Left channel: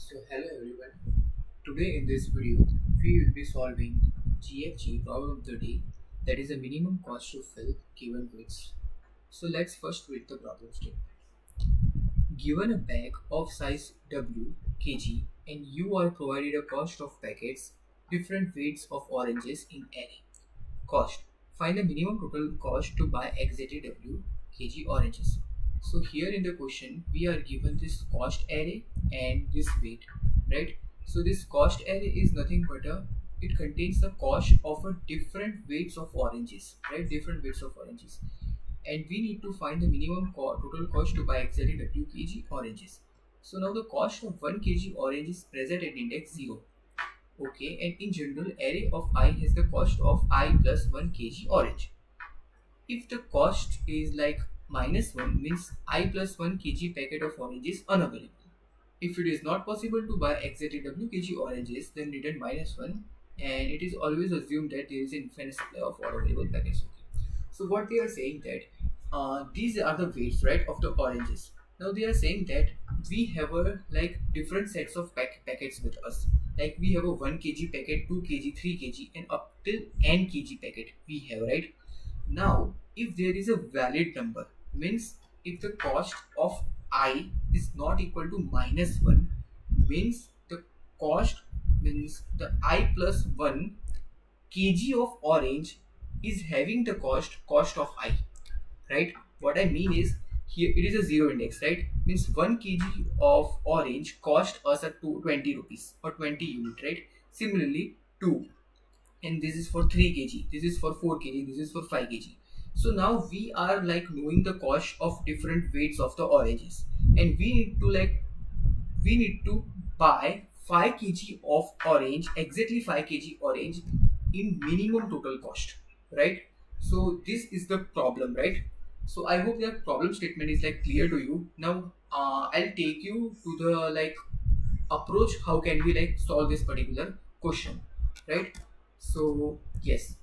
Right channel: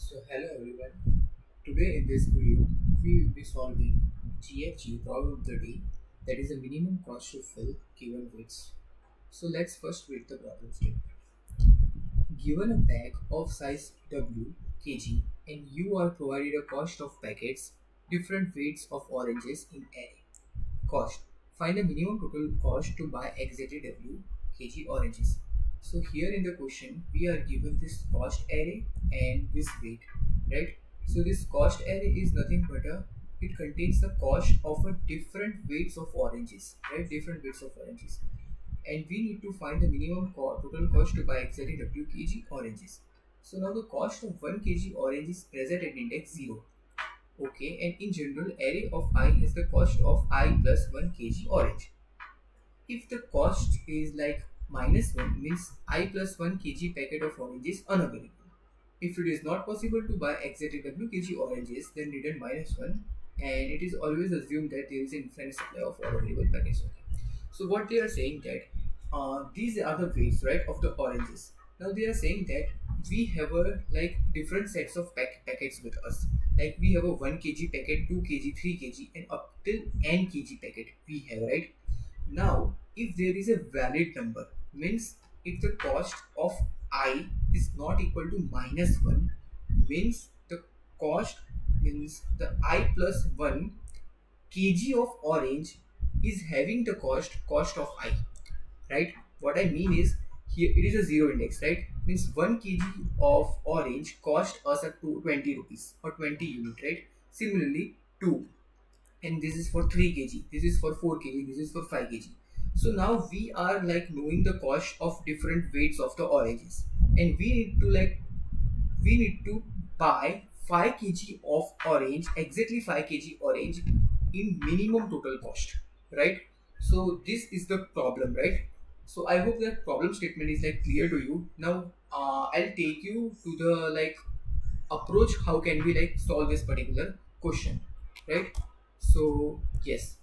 So hello everyone. Today in this video we will be solving GFG problem of the day, that is the minimum cost to fill given weights. So let's first read the problem statement. Given a bag of size W kg and you are provided a cost of packets different weights of oranges in array. Cost. Find the minimum total cost to buy exactly W kg oranges. So here in the question we are given this cost array and this weight, right? So this cost array is nothing but it contains the cost of a different weights of oranges, right? Different weights of oranges, and we need to find the minimum total cost to buy exactly W kg oranges. So now the cost of 1 kg orange is present at index 0. Okay, and in general, array of I has the cost of I plus 1 kg orange. If the cost is like minus 1, means I plus 1 kg packet of orange is unavailable. If it is not possible to buy exactly W kg oranges, then return minus 1, and it is always assumed that there is an infinite supply of all available packets. Okay. So what they are saying that these are the weights, right, of the oranges. Now they are saying that we have a like different sets of packets with us. Like we have a 1 kg packet, 2 kg, 3 kg, and up till n kg packet we have, right? Now, if there is a valid number, means if the cost of I is not equal to minus 1, means the cost, means the I plus 1 kg of orange is having the cost of I, right? What I mean is, here it is a zero index, right? Means 1 kg of orange cost us at 20 rupees or 20 unit, right? Similarly 2, and this is for 3 kg, this is for 4 kg, this is for 5 kg. So now we are like knowing the cost of different weights of the oranges, and we need to buy 5 kg of orange, exactly 5 kg orange in minimum total cost, right? So this is the problem, right? So I hope that problem statement is like clear to you. Now I'll take you to the like approach, how can we like solve this particular question, right? So yes,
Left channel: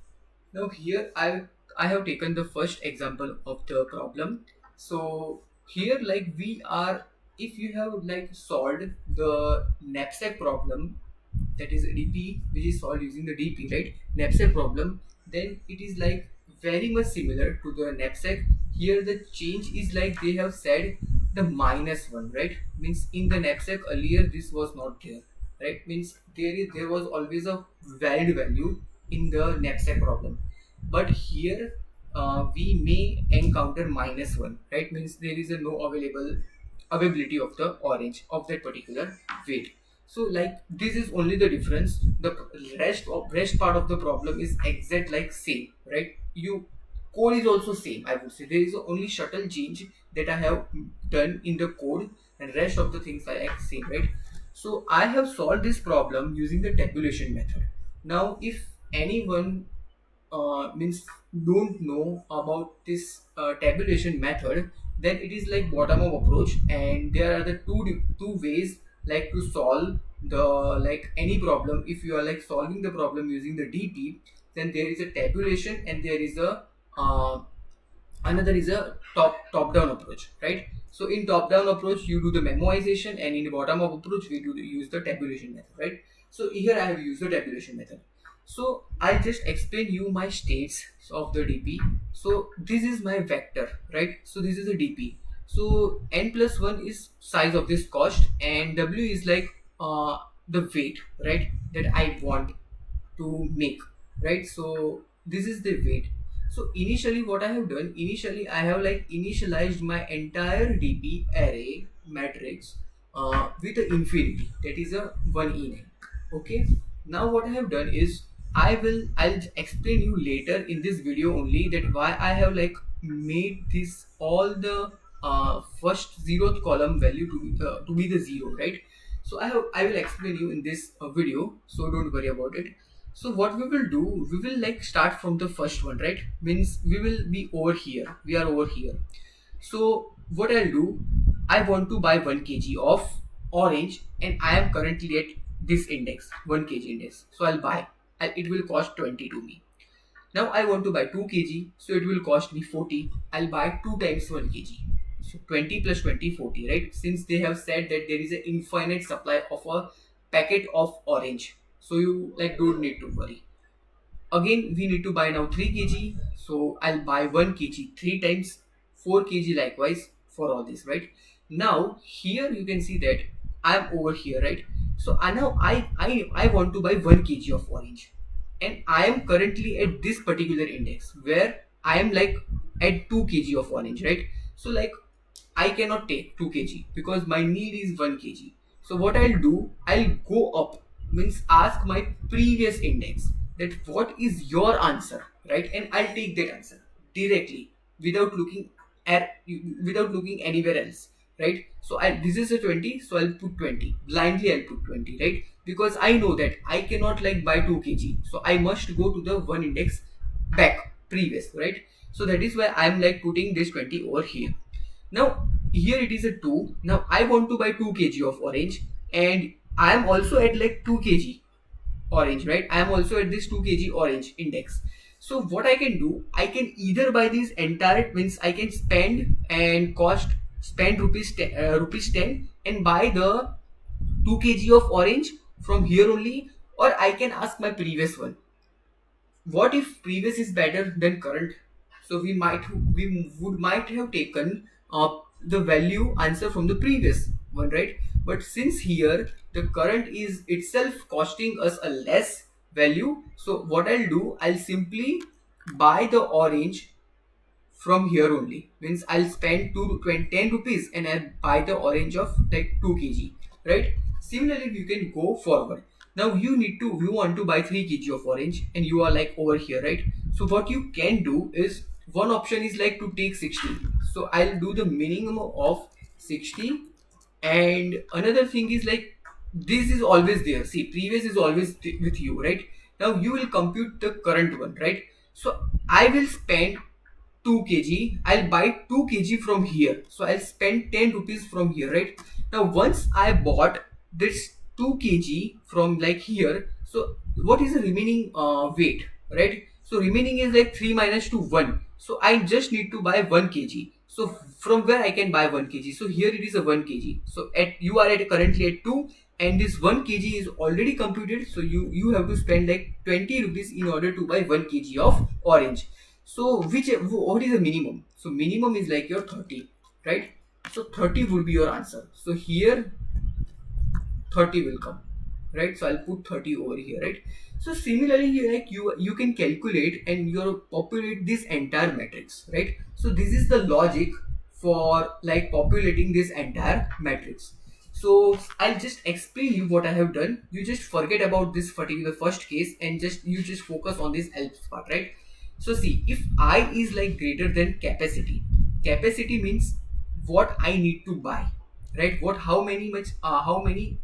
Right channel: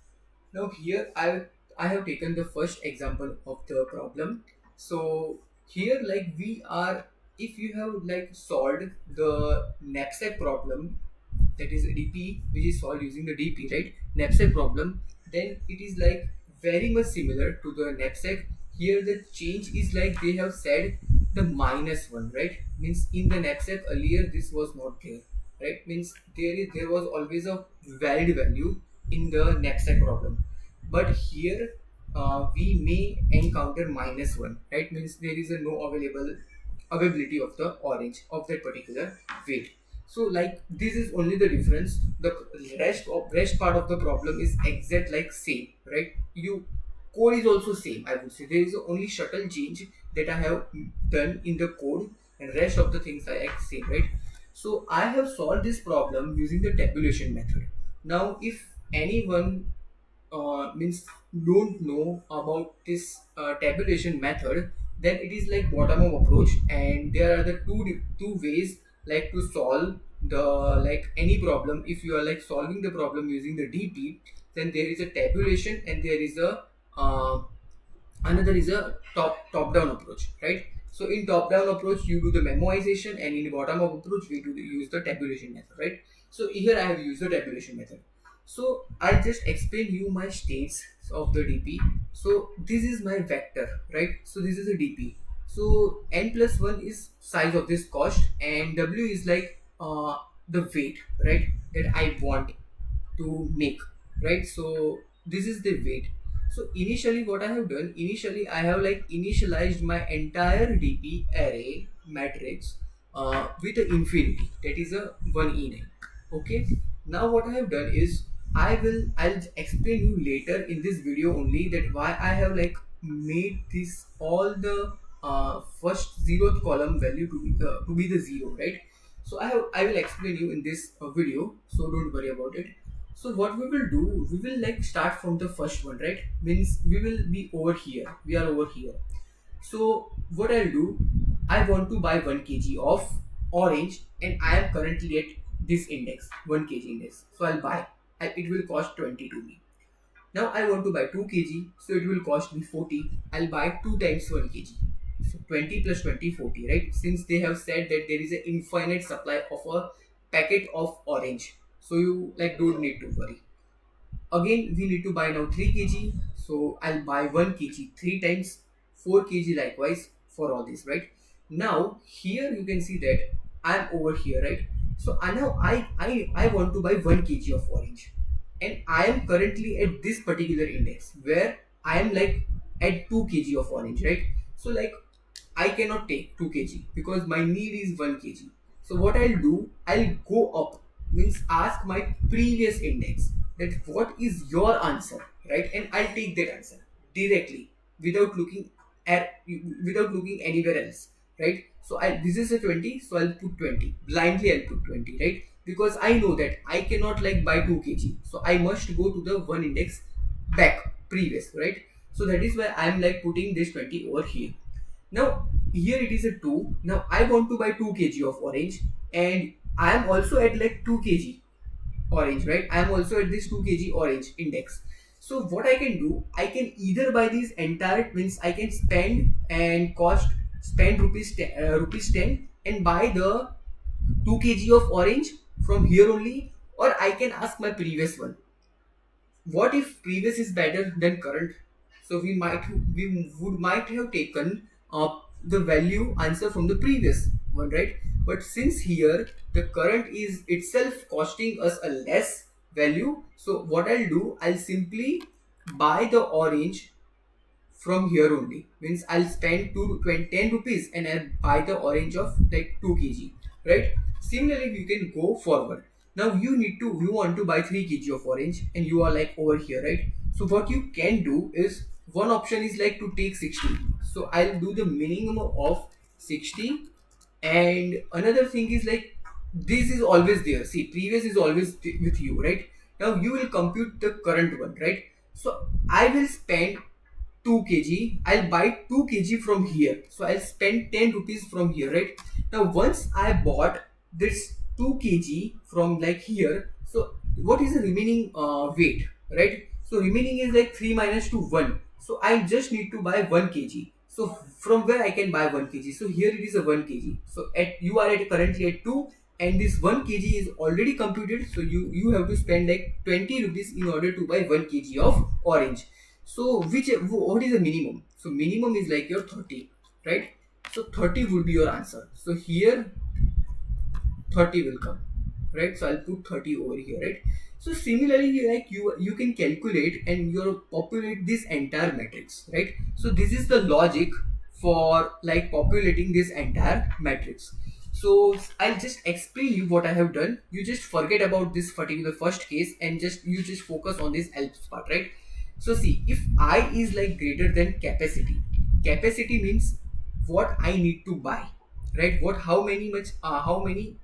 now here I have taken the first example of the problem. So here like we are, if you have like solved the knapsack problem, that is DP, which is solved using the DP, right? Knapsack problem, then it is like very much similar to the knapsack. Here the change is like they have said the minus one, right? Means in the knapsack earlier this was not there, right? Means there was always a valid value in the knapsack problem, but here we may encounter minus one, right? Means there is a no availability of the orange of that particular weight. So like this is only the difference. The rest part of the problem is exact like same, right? You code is also same, I would say. There is only subtle change that I have done in the code, and rest of the things are like same, right? So I have solved this problem using the tabulation method. Now if anyone means don't know about this tabulation method, then it is like bottom up approach, and there are the two ways like to solve the like any problem. If you are like solving the problem using the DP, then there is a tabulation, and there is a another is a top down approach, right? So in top down approach you do the memoization, and in bottom up approach we use the tabulation method, right? So here I have used the tabulation method. So I'll just explain you my states of the DP. So this is my vector, right? So this is a DP. So n plus 1 is size of this cost, and W is like the weight, right, that I want to make, right? So this is the weight. So initially what I have done, initially I have like initialized my entire DP array matrix with a infinity, that is a 1e9. Okay, now what I have done is I'll explain you later in this video only that why I have like made this all the first zeroth column value to be the zero, right? So I will explain you in this video, so don't worry about it. So what we will do, we will like start from the first one, right? Means we will be over here, we are over here. So what I'll do, I want to buy 1 kg of orange, and I am currently at this index, 1 kg index. So I'll buy, it will cost 20 to me. Now I want to buy 2 kg, so it will cost me 40. I'll buy 2 times 1 kg. So 20 plus 20, 40, right? Since they have said that there is an infinite supply of a packet of orange, so you like don't need to worry. Again, we need to buy now 3 kg. So I'll buy 1 kg 3 times, 4 kg likewise for all this, right? Now here you can see that I'm over here, right? So I now I want to buy 1 kg of orange, and I am currently at this particular index where I am like at 2 kg of orange, right? So like I cannot take 2 kg because my need is 1 kg. So what I'll do, I'll go up, means ask my previous index that what is your answer, right? And I'll take that answer directly without looking at without looking anywhere else, right? So this is a 20, so I'll put 20 blindly. I'll put 20, right? Because I know that I cannot like buy 2 kg, so I must go to the one index back previous, right? So that is why I'm like putting this 20 over here. Now here it is a 2. Now I want to buy 2 kg of orange, and I am also at like 2 kg orange, right? I am also at this 2 kg orange index. So what I can do, I can either buy these entire, means I can spend and cost spend rupees 10 and buy the 2 kg of orange from here only, or I can ask my previous one. What if previous is better than current? So we might have taken the value answer from the previous one, right? But since here the current is itself costing us a less value, so what I'll do, I'll simply buy the orange from here only. Means I'll spend 10 rupees and I'll buy the orange of like 2 kg, right? Similarly, you can go forward. Now you want to buy 3 kg of orange and you are like over here, right? So what you can do is, one option is like to take 60. So I'll do the minimum of 60, and another thing is like this is always there. See, previous is always with you, right? Now you will compute the current one, right? So I will spend 2 kg. I'll buy 2 kg from here. So I'll spend 10 rupees from here, right? Now once I bought this 2 kg from like here, so what is the remaining weight, right? So remaining is like 3 minus 2, 1. So I just need to buy 1 kg. So from where I can buy 1 kg? So here it is a 1 kg. So at you are at currently at 2, and this 1 kg is already computed. So you have to spend like 20 rupees in order to buy 1 kg of orange. So what is the minimum? So minimum is like your 30, right? So 30 would be your answer. So here 30 will come, right? So I'll put 30 over here, right? So similarly, you can calculate and you populate this entire matrix, right? So this is the logic for like populating this entire matrix. So I'll just explain you what I have done. You just forget about this particular first case and you just focus on this else part, right? So see, if I is like greater than capacity means what I need to buy, right? How many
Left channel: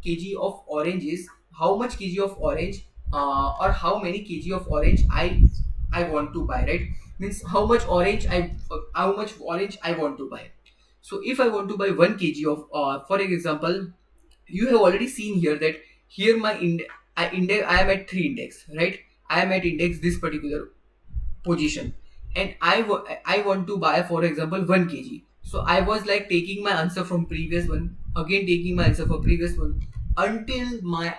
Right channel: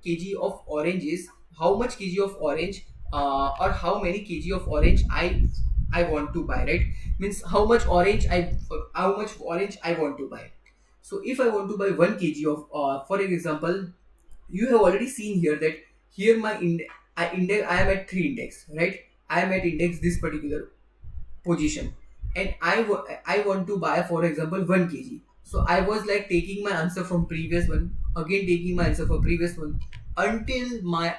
kg of orange is, how much kg of orange or how many kg of orange I want to buy, right? Means how much orange I want to buy. So if I want to buy 1 kg of for example, you have already seen here that here my I am at 3 index, right? I am at index this particular position, and I want to buy for example 1 kg. So I was like taking my answer from previous one, again taking my answer for previous one, until my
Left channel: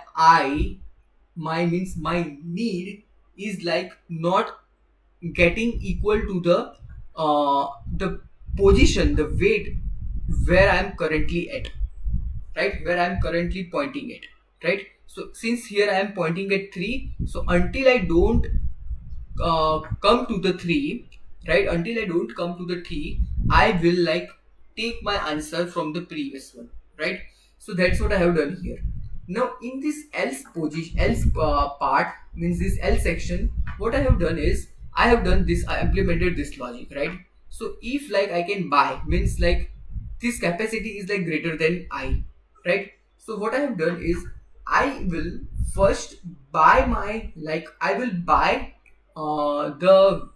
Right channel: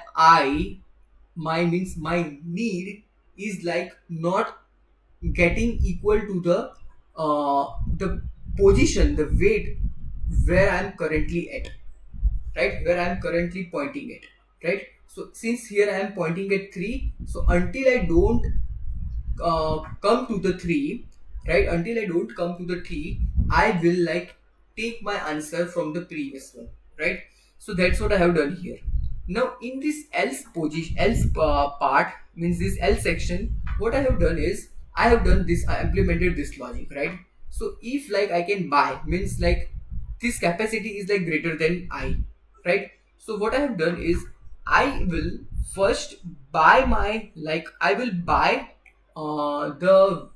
need is like not getting equal to the position, the weight where I am currently at, right? Where I am currently pointing at, right? So since here I am pointing at 3, so until I don't come to the 3, right? Until I don't come to the 3, I will like take my answer from the previous one, right? So that's what I have done here. Now in this else part, means this else section, what I have done is I implemented this logic, right? So if like I can buy, means like this capacity is like greater than I, right? So what I have done is I will first buy my like I will buy the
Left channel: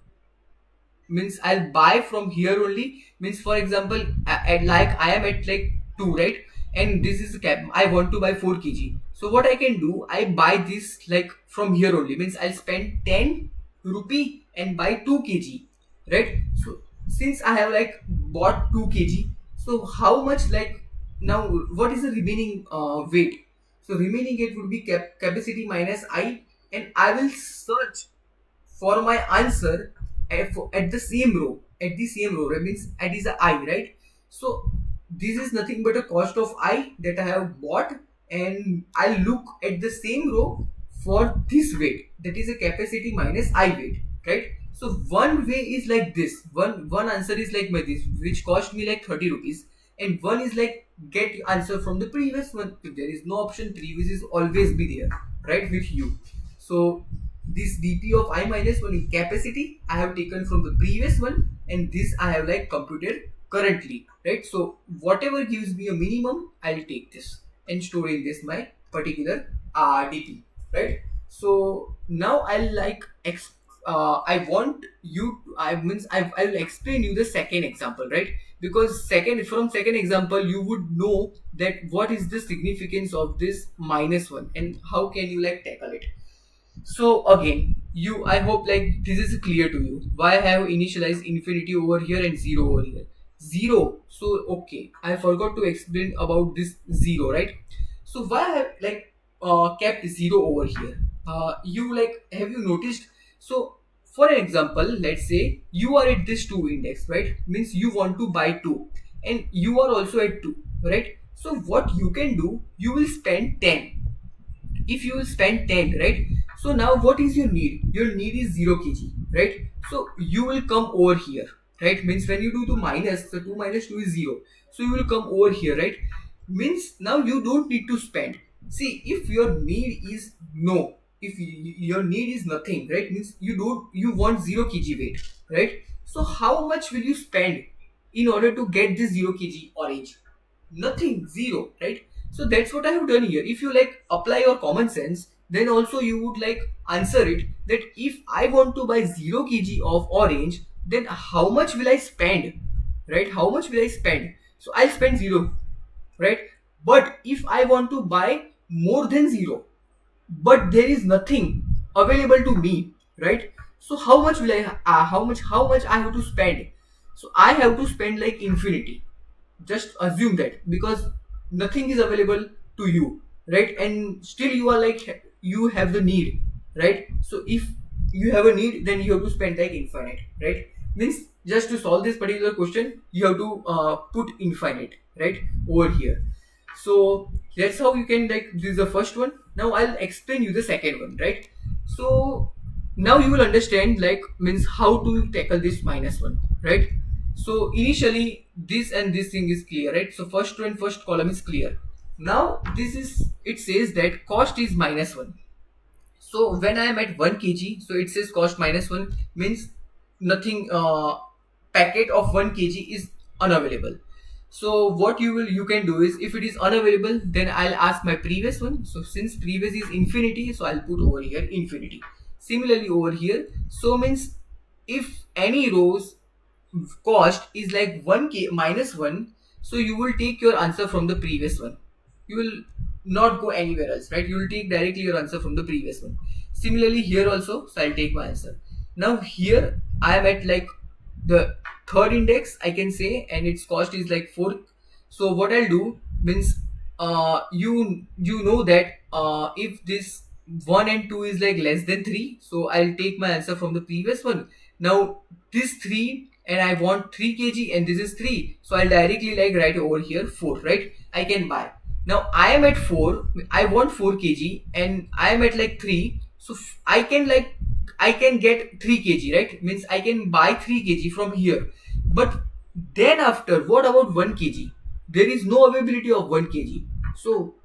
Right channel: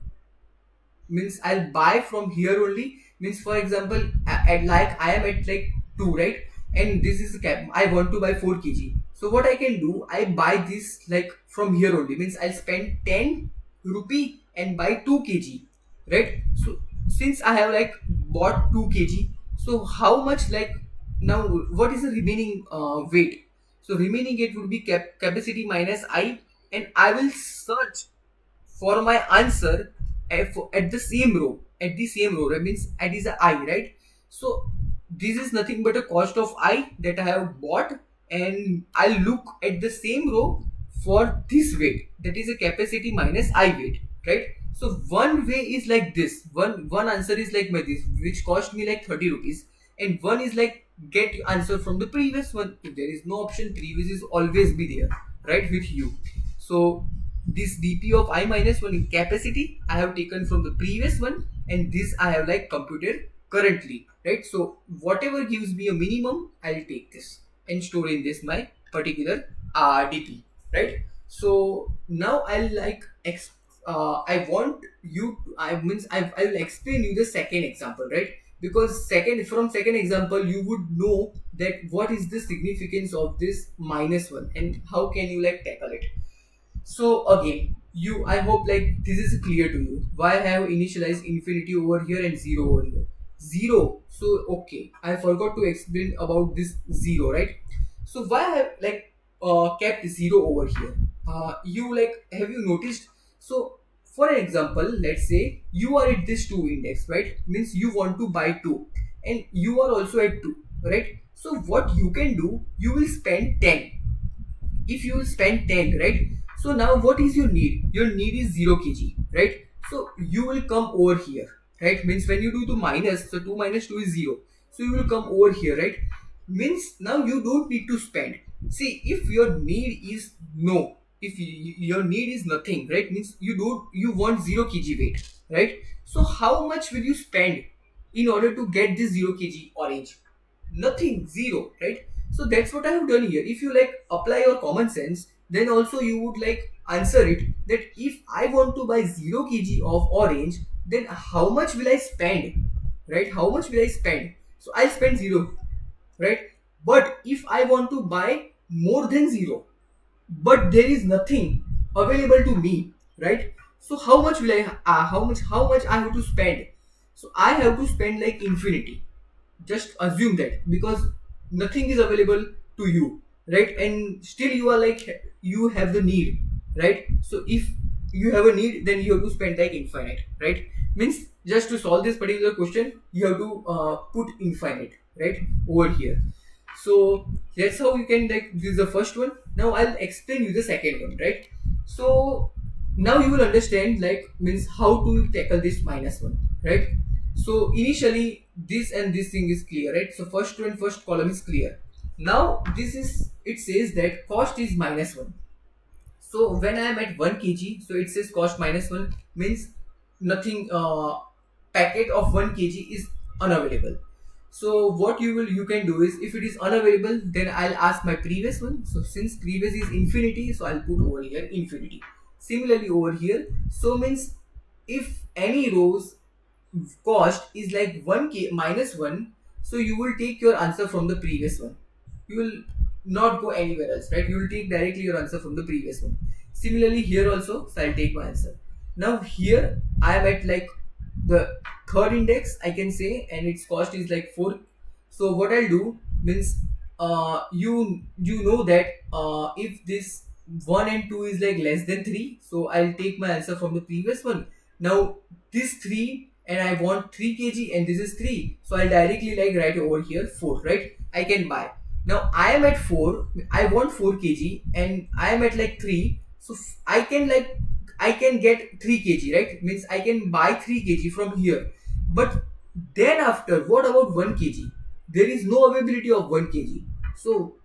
means I'll buy from here only. Means for example, at like I am at like 2, right? And this is the cap. I want to buy 4 kg. So what I can do, I buy this like from here only. Means I'll spend 10 rupee and buy 2 kg, right? So since I have like bought 2 kg, So how much, like, now what is the remaining weight? So remaining weight would be capacity minus I, and I will search for my answer at the same row. At the same row, that means it is a I, right? So this is nothing but a cost of I that I have bought, and I'll look at the same row for this weight, that is a capacity minus I weight, right? So one way is like this. One answer is like my this, which cost me like 30 rupees, and one is like get answer from the previous one. If there is no option, previous is always be there, right, with you. So this dp of I minus 1 in capacity I have taken from the previous one, and this I have like computed currently, right? So whatever gives me a minimum, I'll take this and store in this my particular dp, right? So now I'll like I want you to, I'll explain you the second example, right? Because second example you would know that what is the significance of this minus one and how can you like tackle it. So again, I hope like this is clear to you. Why I have initialized infinity over here and zero over here? Zero. So okay, I forgot to explain about this zero, right? So why I have like kept zero over here? You like have you noticed? So for an example, let's say you are at this two index, right? Means you want to buy two, and you are also at two, right? So what you can do, you will spend 10. If you will spend 10, right? So now what is your need? Your need is 0 kg, right? So you will come over here, right? Means when you do the minus, so 2 minus 2 is 0, so you will come over here, right? Means now you don't need to spend. See, if your need is no, if your need is nothing, right? Means you want 0 kg weight, right? So how much will you spend in order to get this 0 kg orange? Nothing, zero, right? So that's what I have done here. If you like apply your common sense, then also you would like answer it that if I want to buy 0 kg of orange, then how much will I spend, right? How much will I spend? So I'll spend 0, right? But if I want to buy more than 0, but there is nothing available to me, right? So how much will I how much I have to spend? So I have to spend like infinity. Just assume that, because nothing is available to you, right? And still you are like you have the need, right? So if you have a need, then you have to spend like infinite, right? Means just to solve this particular question, you have to put infinite right over here. So that's how you can like, this is the first one. Now I'll explain you the second one, right? So now you will understand like means how to tackle this minus one, right? So initially this and this thing is clear, right? So first row and first column is clear. Now this is, it says that cost is minus one. So when I am at 1 kg, so it says cost minus 1 means nothing, packet of 1 kg is unavailable. So what you can do is, if it is unavailable, then I'll ask my previous one. So since previous is infinity, so I'll put over here infinity. Similarly over here, so means if any rows cost is like 1k minus 1, so you will take your answer from the previous one. You will not go anywhere else, right? You will take directly your answer from the previous one. Similarly here also, so I'll take my answer. Now here I am at like the third index, I can say, and its cost is like 4. So what I'll do means, you know that if this 1 and 2 is like less than 3, so I'll take my answer from the previous one. Now this 3 and I want 3 kg and this is 3, so I'll directly like write over here 4, right? I can buy. Now I am at 4, I want 4 kg and I am at like 3, so I can like, I can get 3 kg, right? Means I can buy 3 kg from here. But then after, what about 1 kg? There is no availability of 1 kg. So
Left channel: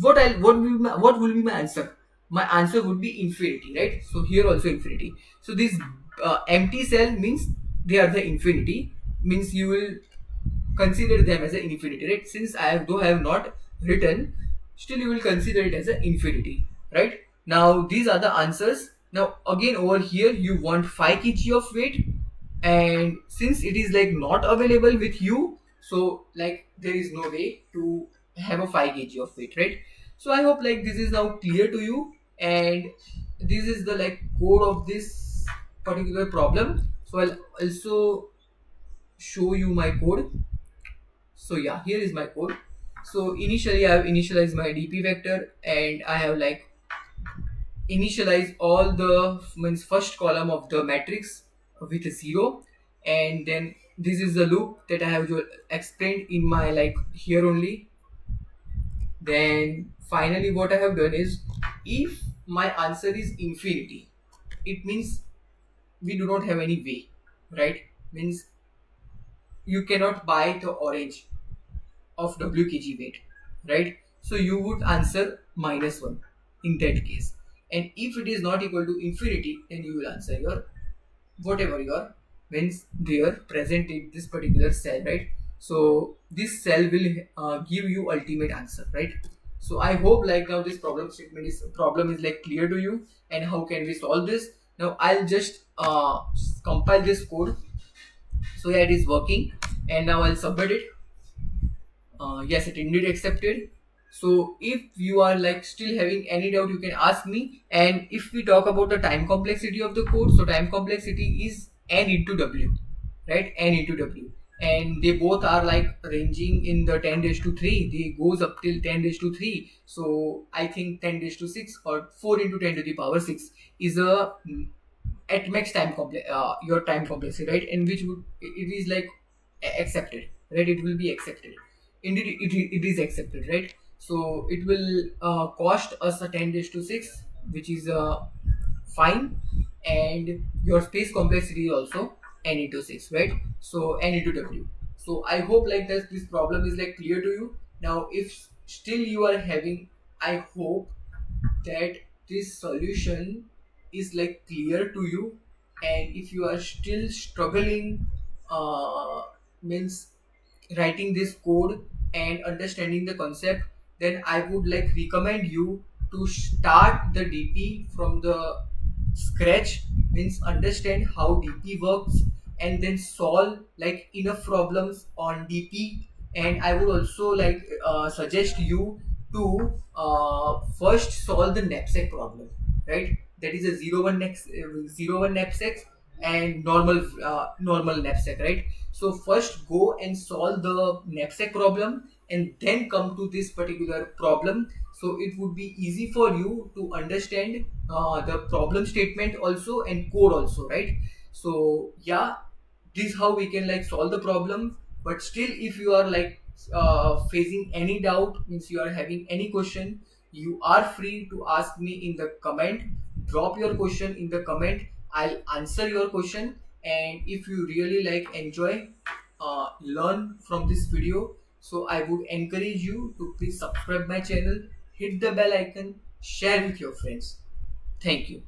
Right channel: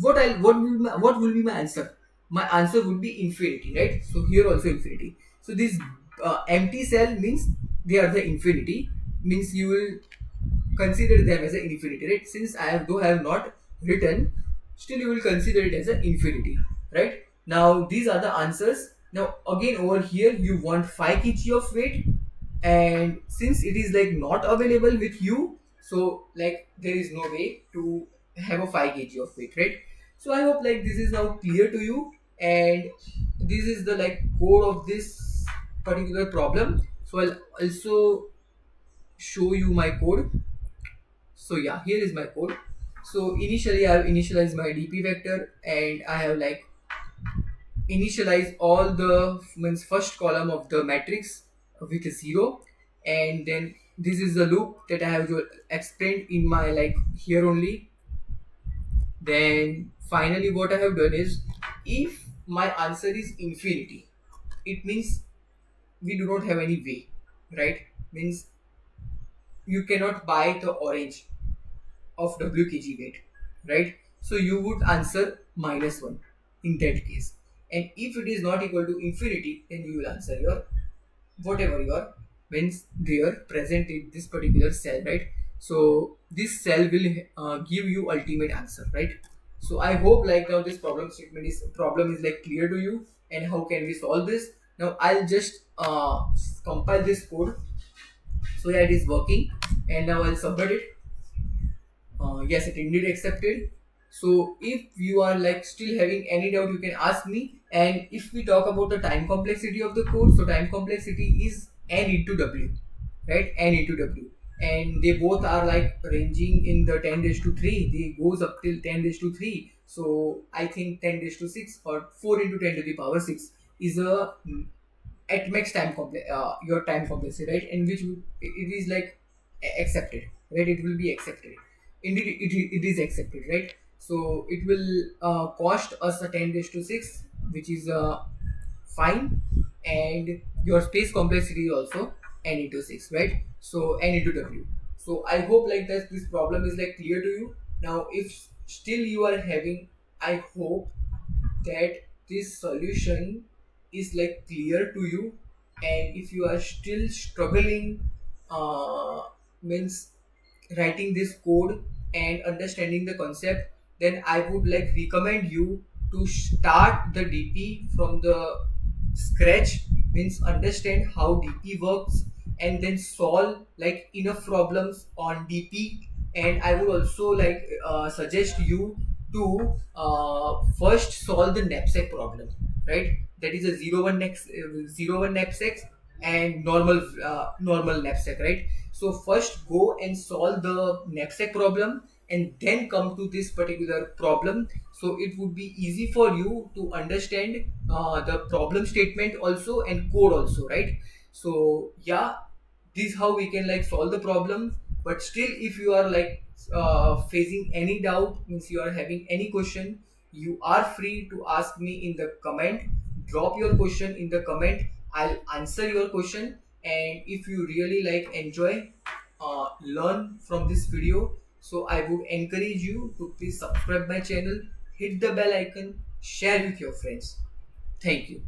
what will be my answer? My answer would be infinity, right? So here also infinity. So this empty cell means they are the infinity, means you will consider them as an infinity, right? Since I have not written, still you will consider it as an infinity, right? Now these are the answers. Now again over here you want 5 kg of weight, and since it is like not available with you, so like there is no way to have a 5 kg of weight, right? So I hope like this is now clear to you, and this is the like code of this particular problem. So I'll also show you my code. So yeah, here is my code. So initially I have initialized my dp vector, and I have like initialize all the means first column of the matrix with a 0, and then this is the loop that I have explained in my like here only. Then finally what I have done is, if my answer is infinity, it means we do not have any way, right? Means you cannot buy the orange of wkg weight, right? So you would answer -1 in that case. And if it is not equal to infinity, then you will answer your whatever your means there present in this particular cell, right? So this cell will give you ultimate answer, right? So I hope like now this problem is like clear to you, and how can we solve this. Now I'll just compile this code. So yeah, it is working, and now I'll submit it. Yes, it indeed accepted. So if you are like still having any doubt, you can ask me. And if we talk about the time complexity of the code, so time complexity is n into w, right? N into w, and they both are like ranging in the 10 raised to 3. They goes up till 10 raised to 3. So I think 10 raised to 6 or 4 into 10 to the power 6 is a at max your time complexity, right? And which would it is like accepted, right? It will be accepted. Indeed, it is accepted, right? So it will cost us a 10 raised to 6, which is fine. And your space complexity is also n into 6, right? So n into w. So I hope like that this problem is like clear to you. Now if still you are having, I hope that this solution is like clear to you. And if you are still struggling, means writing this code and understanding the concept, then I would like recommend you to start the dp from the scratch, means understand how dp works, and then solve like enough problems on dp. And I would also like suggest you to first solve the knapsack problem, right? That is a 01 knapsack and normal knapsack, right? So first go and solve the knapsack problem, and then come to this particular problem. So it would be easy for you to understand the problem statement also and code also, right? So yeah, this how we can like solve the problem. But still, if you are like facing any doubt, means you are having any question, you are free to ask me in the comment. Drop your question in the comment, I'll answer your question. And if you really like enjoy learn from this video, so I would encourage you to please subscribe my channel, hit the bell icon, share with your friends. Thank you.